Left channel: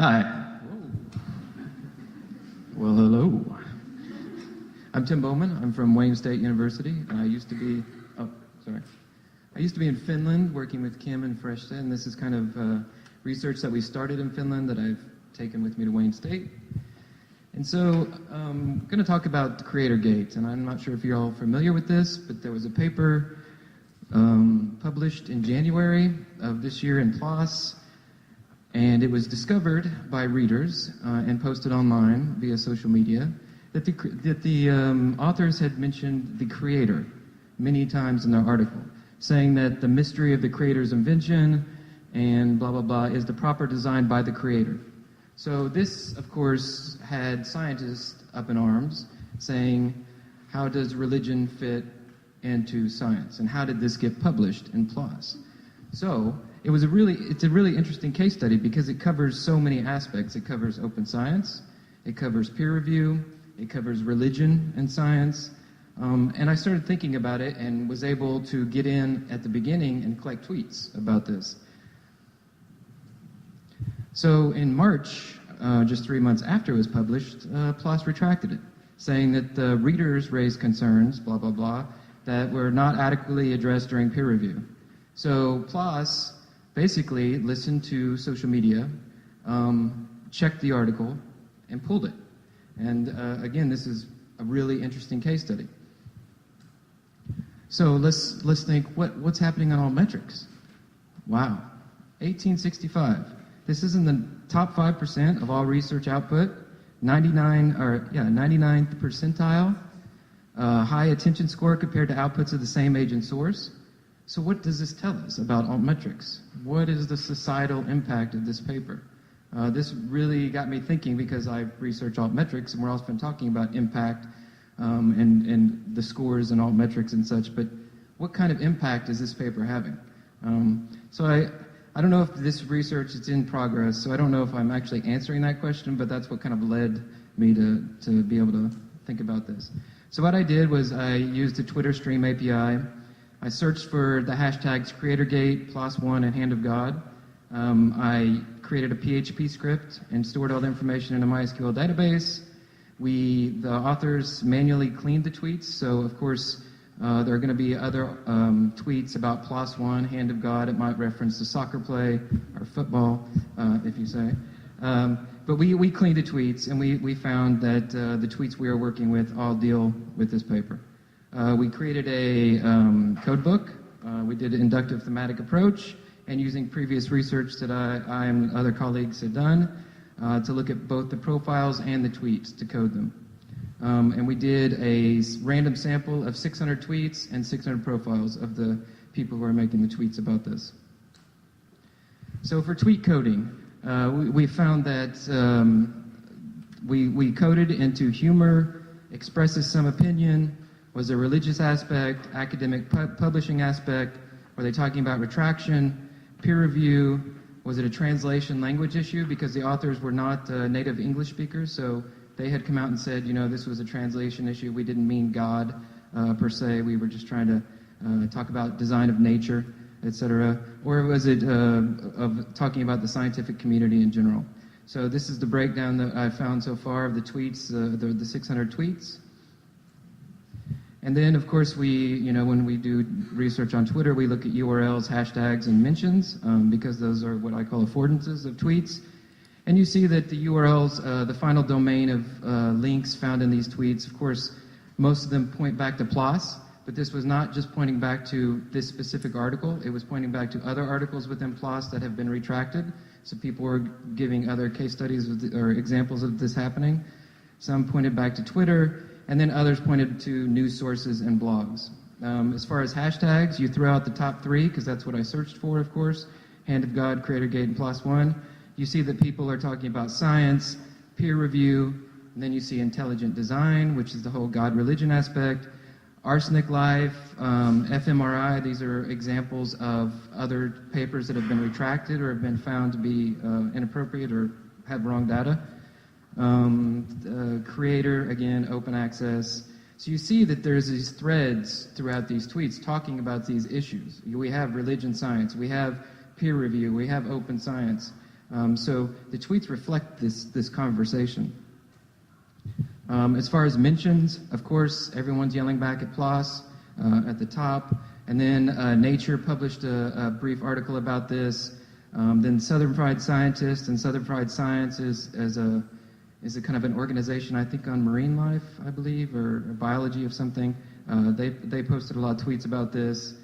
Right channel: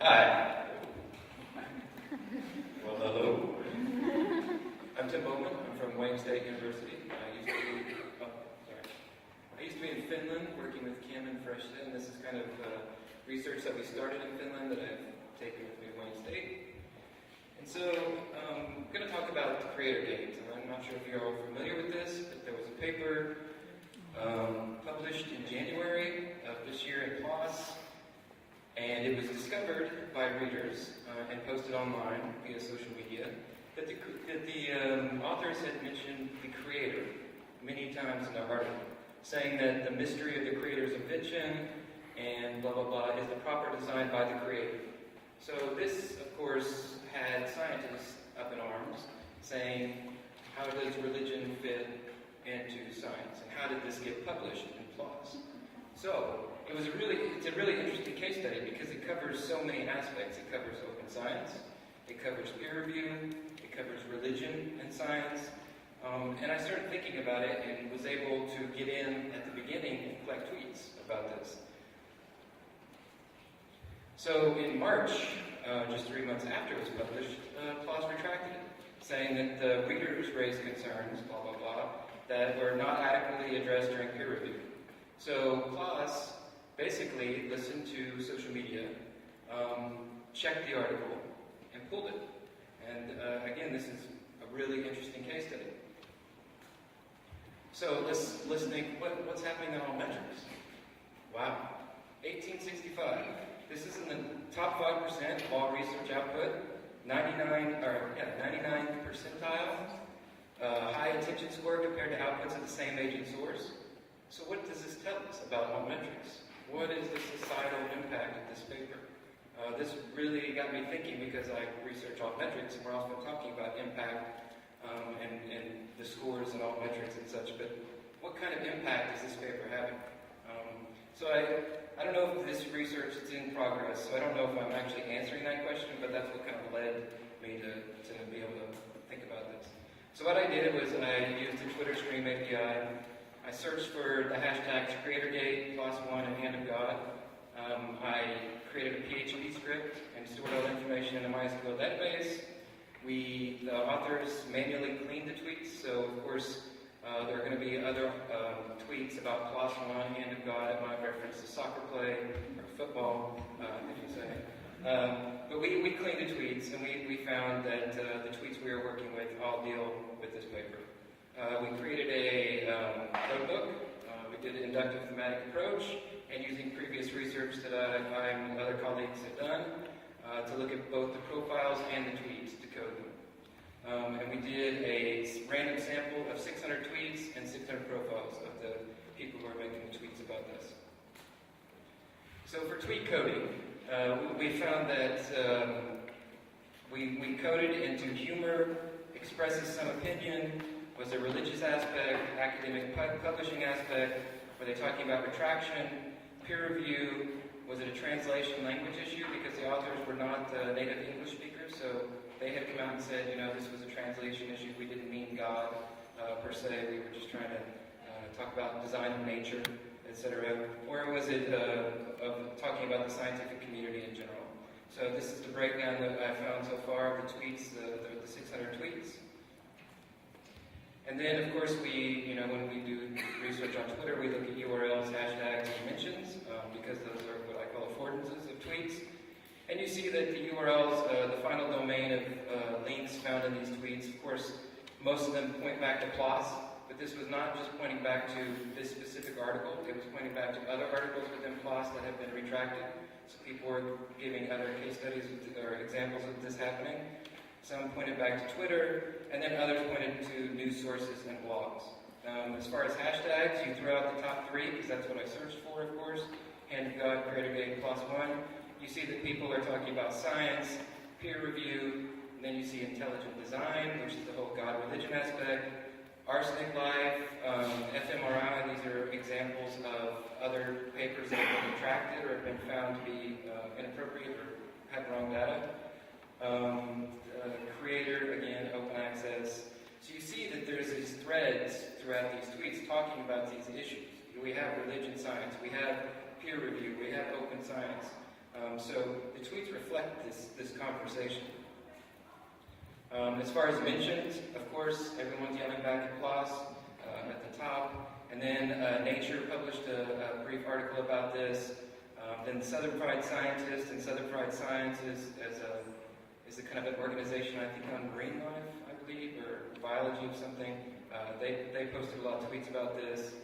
Hi. Well, hello. I'm Tim Bowman. I'm from Wayne State University. I used to be in Finland working with Kim and Freshta, and this is kind of research that we started in Finland that I've taken with me to Wayne State. And so I'm going to talk about the Creator Gate, and I'm not sure if you're all familiar with this, but there was a paper published in January of this year in PLOS, and it was discovered by readers and posted online via social media that the authors had mentioned the Creator many times in the article, saying that the mystery of the Creator's invention and blah, blah, blah is the proper design by the Creator. So this, of course, had scientists up in arms saying, how does religion fit into science? And how did this get published in PLOS? So it's a really interesting case study because it covers so many aspects. It covers open science, it covers peer review, it covers religion and science. And I started thinking about it and was able to get in at the beginning and collect tweets about this. So in March, just 3 months after it was published, PLOS retracted it, saying that the readers raised concerns, blah, blah, blah, that were not adequately addressed during peer review. So PLOS basically listened to social media, checked the article, and pulled it. And again, this is a really interesting case study. So let's think, what's happening on Altmetrics? Wow, 1865. This is in the top 5% of all research output, 99th percentile, high attention score compared to outputs of the same age and source. So what does this tell us about Altmetrics? What is the societal impact of this paper? This really got me thinking because I research Altmetrics and we're often talking about impact and the scores and Altmetrics and such, but what kind of impact is this paper having? So I don't know if this research is in progress, so I don't know if I'm actually answering that question, but that's what kind of led me to be able to think about this. So what I did was I used the Twitter Stream API. I searched for the hashtags CreatorGate, PLOS1, and Hand of God. I created a PHP script and stored all the information in a MySQL database. The authors manually cleaned the tweets, so of course there are going to be other tweets about PLOS1, Hand of God. It might reference the soccer play or football, if you say. But we cleaned the tweets, and we found that the tweets we are working with all deal with this paper. We created a code book. We did an inductive thematic approach, and using previous research that I and other colleagues have done to look at both the profiles and the tweets to code them. And we did a random sample of 600 tweets and 600 profiles of the people who are making the tweets about this. So for tweet coding, we found that we coded into humor, expresses some opinion, was a religious aspect, academic publishing aspect, were they talking about retraction, peer review, was it a translation language issue because the authors were not native English speakers, so they had come out and said, you know, this was a translation issue. We didn't mean God per se. We were just trying to talk about design of nature, etc. Or was it of talking about the scientific community in general? So this is the breakdown that I've found so far of the tweets, the 600 tweets. And then, of course, when we do research on Twitter, we look at URLs, hashtags, and mentions because those are what I call affordances of tweets. And you see that the URLs, the final domain of links found in these tweets, of course, most of them point back to PLOS, but this was not just pointing back to this specific article. It was pointing back to other articles within PLOS that have been retracted. So people were giving other case studies or examples of this happening. Some pointed back to Twitter, and then others pointed to news sources and blogs. As far as hashtags, you throw out the top 3, because that's what I searched for, of course, Hand of God, CreatorGate, and PLOS1. You see that people are talking about science, peer review, and then you see intelligent design, which is the whole God-religion aspect, arsenic life, fMRI. These are examples of other papers that have been retracted or have been found to be inappropriate or have wrong data. Creator, again, open access. So you see that there's these threads throughout these tweets talking about these issues. We have religion science, we have peer review, we have open science. So the tweets reflect this conversation. As far as mentions, of course, everyone's yelling back applause at the top. And then Nature published a brief article about this. Then Southern Fried Scientist and Southern Fried Science is a kind of an organization, I think, on marine life, I believe, or biology of something. They posted a lot of tweets about this.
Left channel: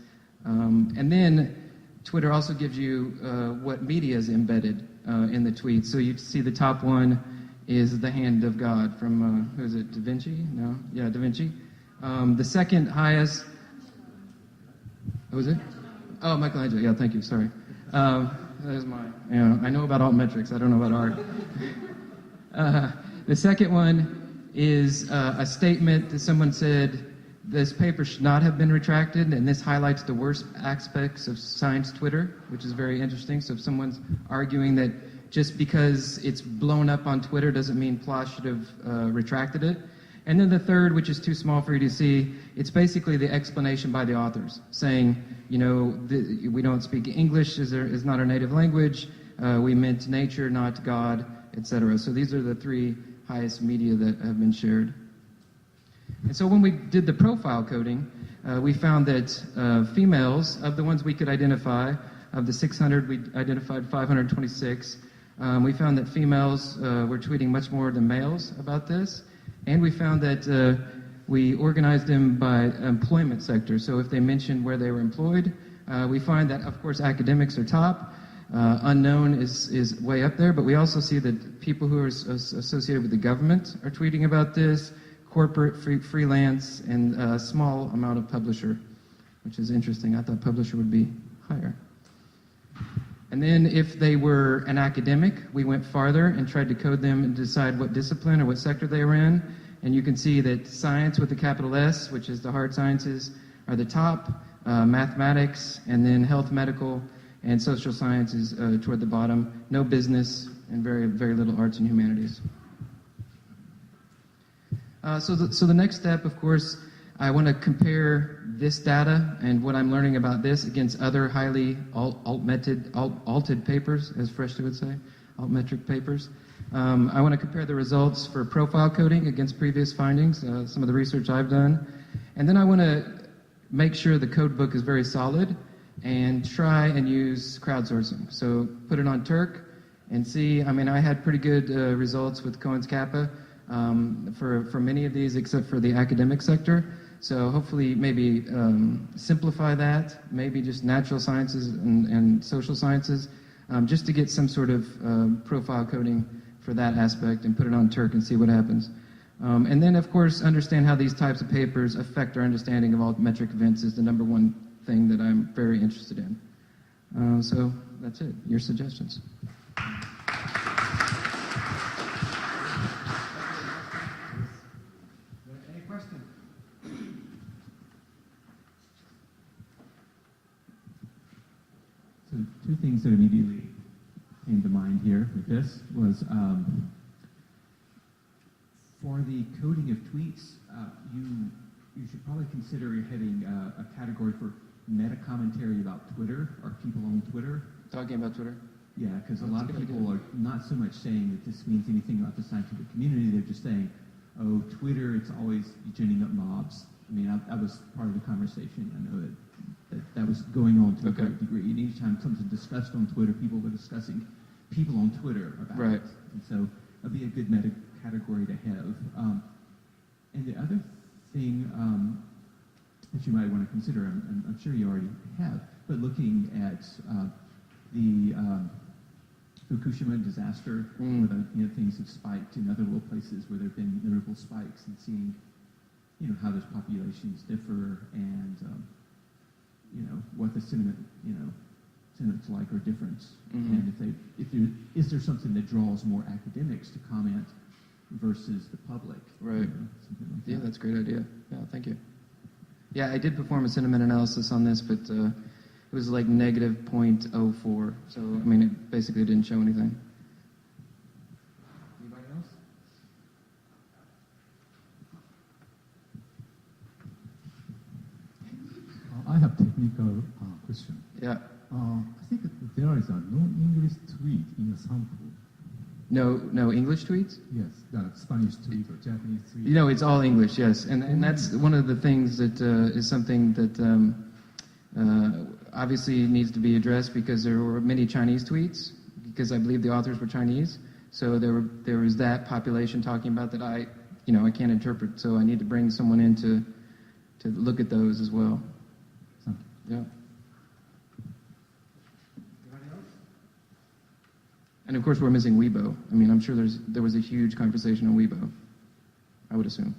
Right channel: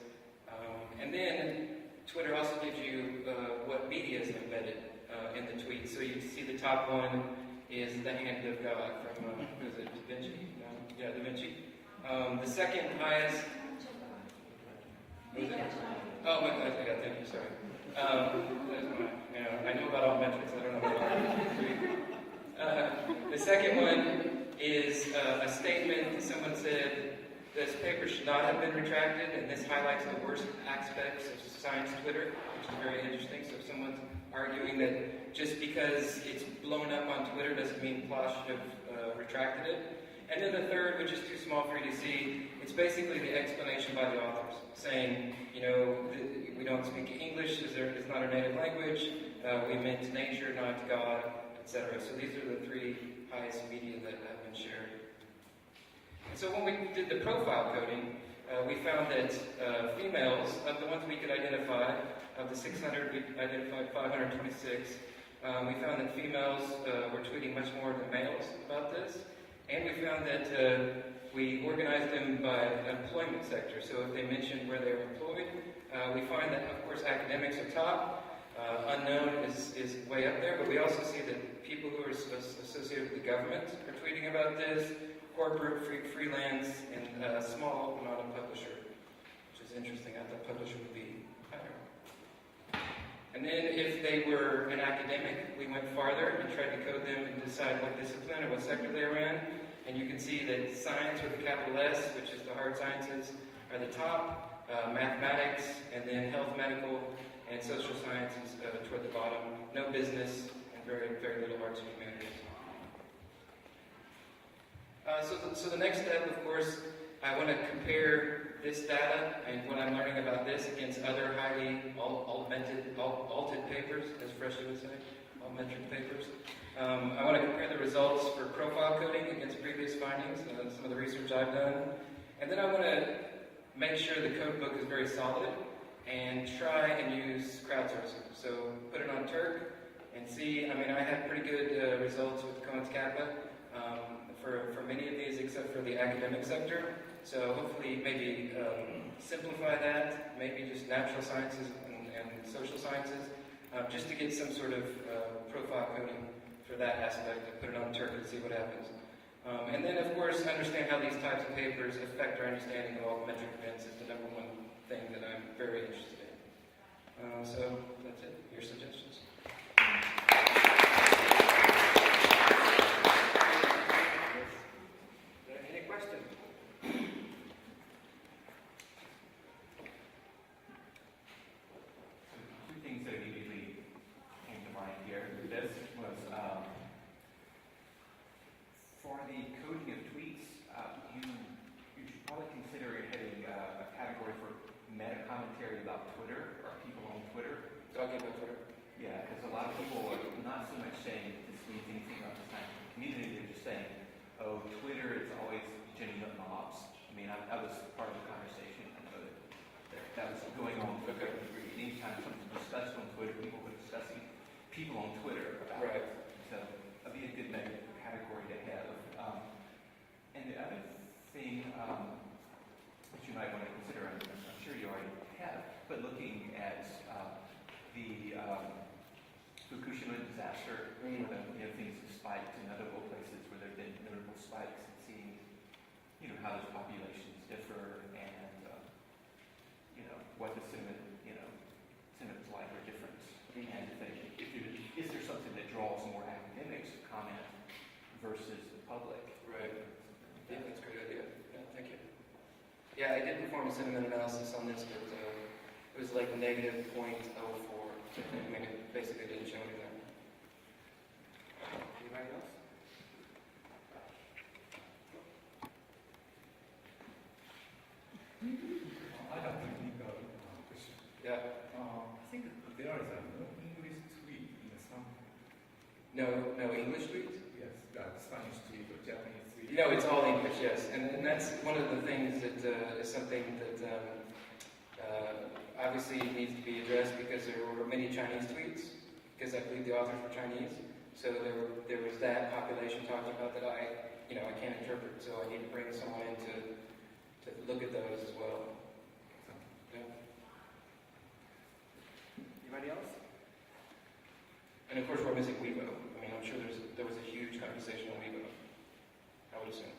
And then Twitter also gives you what media is embedded in the tweet. So you see the top one is the hand of God from, who is it, Da Vinci? No? Yeah, Da Vinci. The second highest, what was it? Oh, Michelangelo, yeah, thank you, sorry. There's my, I know about altmetrics, I don't know about art. The second one is a statement that someone said, this paper should not have been retracted, and this highlights the worst aspects of science Twitter, which is very interesting. So if someone's arguing that just because it's blown up on Twitter doesn't mean PLOS should have retracted it. And then the third, which is too small for you to see, it's basically the explanation by the authors, saying, we don't speak English, is not our native language, we meant nature, not God, etc. So these are the three highest media that have been shared. And so when we did the profile coding, we found that females, of the ones we could identify, of the 600, we identified 526. We found that females were tweeting much more than males about this. And we found that we organized them by employment sector. So if they mentioned where they were employed, we find that, of course, academics are top. Unknown is way up there, but we also see that people who are associated with the government are tweeting about this, corporate, freelance, and a small amount of publisher, which is interesting. I thought publisher would be higher. And then if they were an academic, we went farther and tried to code them and decide what discipline or what sector they were in. And you can see that science with a capital S, which is the hard sciences, are the top, mathematics, and then health, medical, and social sciences toward the bottom. No business, and very, very little arts and humanities. So the next step, of course, I want to compare this data and what I'm learning about this against other highly alted papers, as Freshta would say, altmetric papers. I want to compare the results for profile coding against previous findings, some of the research I've done. And then I want to make sure the code book is very solid and try and use crowdsourcing. So put it on Turk and see, I had pretty good results with Cohen's Kappa. For many of these, except for the academic sector. So hopefully maybe simplify that, maybe just natural sciences and social sciences, just to get some sort of profile coding for that aspect and put it on Turk and see what happens. And then, of course, understand how these types of papers affect our understanding of altmetric events is the number one thing that I'm very interested in. So that's it. Your suggestions. Two things that immediately came to mind here with this was for the coding of tweets, you should probably consider heading a category for meta commentary about Twitter or people on Twitter. Talking about Twitter? Yeah, because a lot of people are not so much saying that this means anything about the scientific community. They're just saying, oh, Twitter, it's always ginning up mobs. I was part of the conversation. I know that was going on to a great degree. And anytime something's discussed on Twitter, people were discussing people on Twitter about it. And so that'd be a good meta category to have. And the other thing that you might want to consider, I'm sure you already have, but looking at the Fukushima disaster, where the things have spiked in other little places where there have been notable spikes, and seeing how those populations differ and what the sentiments like or different, and is there something that draws more academics to comment versus the public? Right. Yeah, that's a great idea. Yeah, thank you. Yeah, I did perform a sentiment analysis on this, but it was like negative 0.04. So it basically didn't show anything. Anybody else? I have technical question. Yeah. I think the there is a non-English tweet in the sample. No English tweets? Yes, the Spanish tweet or Japanese tweet. You know, it's all English, yes. And that's one of the things that is something that obviously needs to be addressed because there were many Chinese tweets, because I believe the authors were Chinese. So there was that population talking about that I can't interpret. So I need to bring someone in to look at those as well. Yeah. Anybody else? And of course, we're missing Weibo. I mean, I'm sure there was a huge conversation on Weibo, I would assume.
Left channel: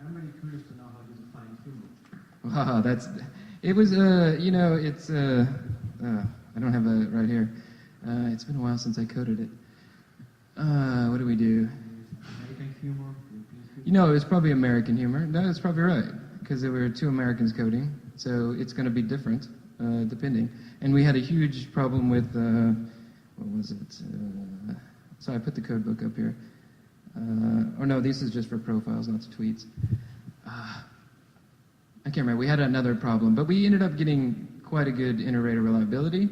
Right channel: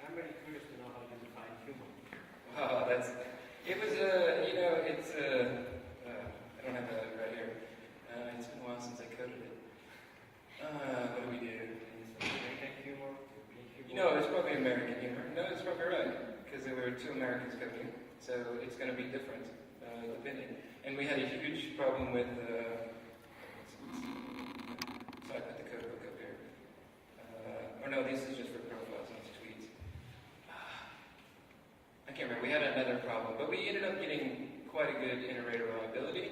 I'm really curious to know how you define humor. Wow, it was, it's, I don't have that right here. It's been a while since I coded it. What do we do? American humor, European humor. You know, it was probably American humor. No, that's probably right, because there were two Americans coding, so it's going to be different, depending. And we had a huge problem with, what was it? So I put the code book up here. Or no, this is just for profiles, not tweets. I can't remember. We had another problem, but we ended up getting quite a good inter-array reliability.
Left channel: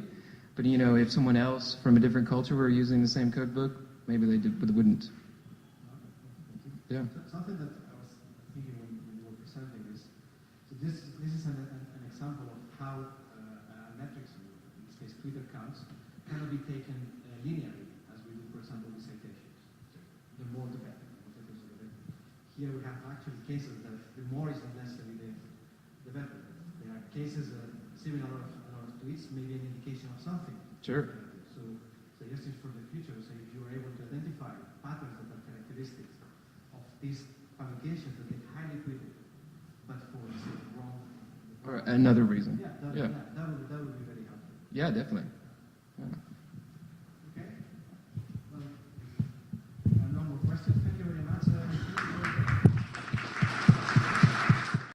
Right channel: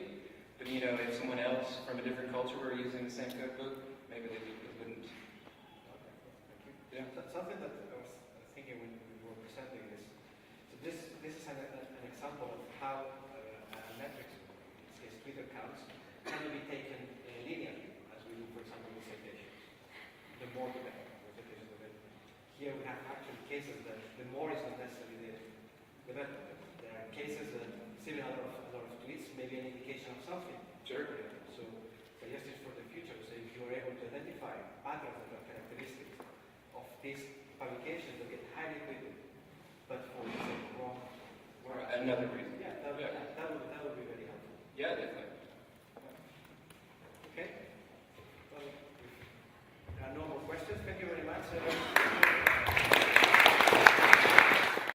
But you know, if someone else from a different culture were using the same code book, maybe they wouldn't. Okay, thank you. Yeah. Something that I was thinking when you were presenting is, so this is an example of how metrics, in this case Twitter accounts, cannot be taken linearly, as we do, for example, with citations. The more the better. The citation, the better. Here we have actually cases that the more is not necessarily the better. There are cases that receiving a lot of tweets may be an indication of something. Sure. So just for the future, so if you are able to identify patterns that are characteristic of these publications that get highly tweeted, but for the sake of wrong. Or another reason. Yeah, that would be very helpful. Yeah, definitely.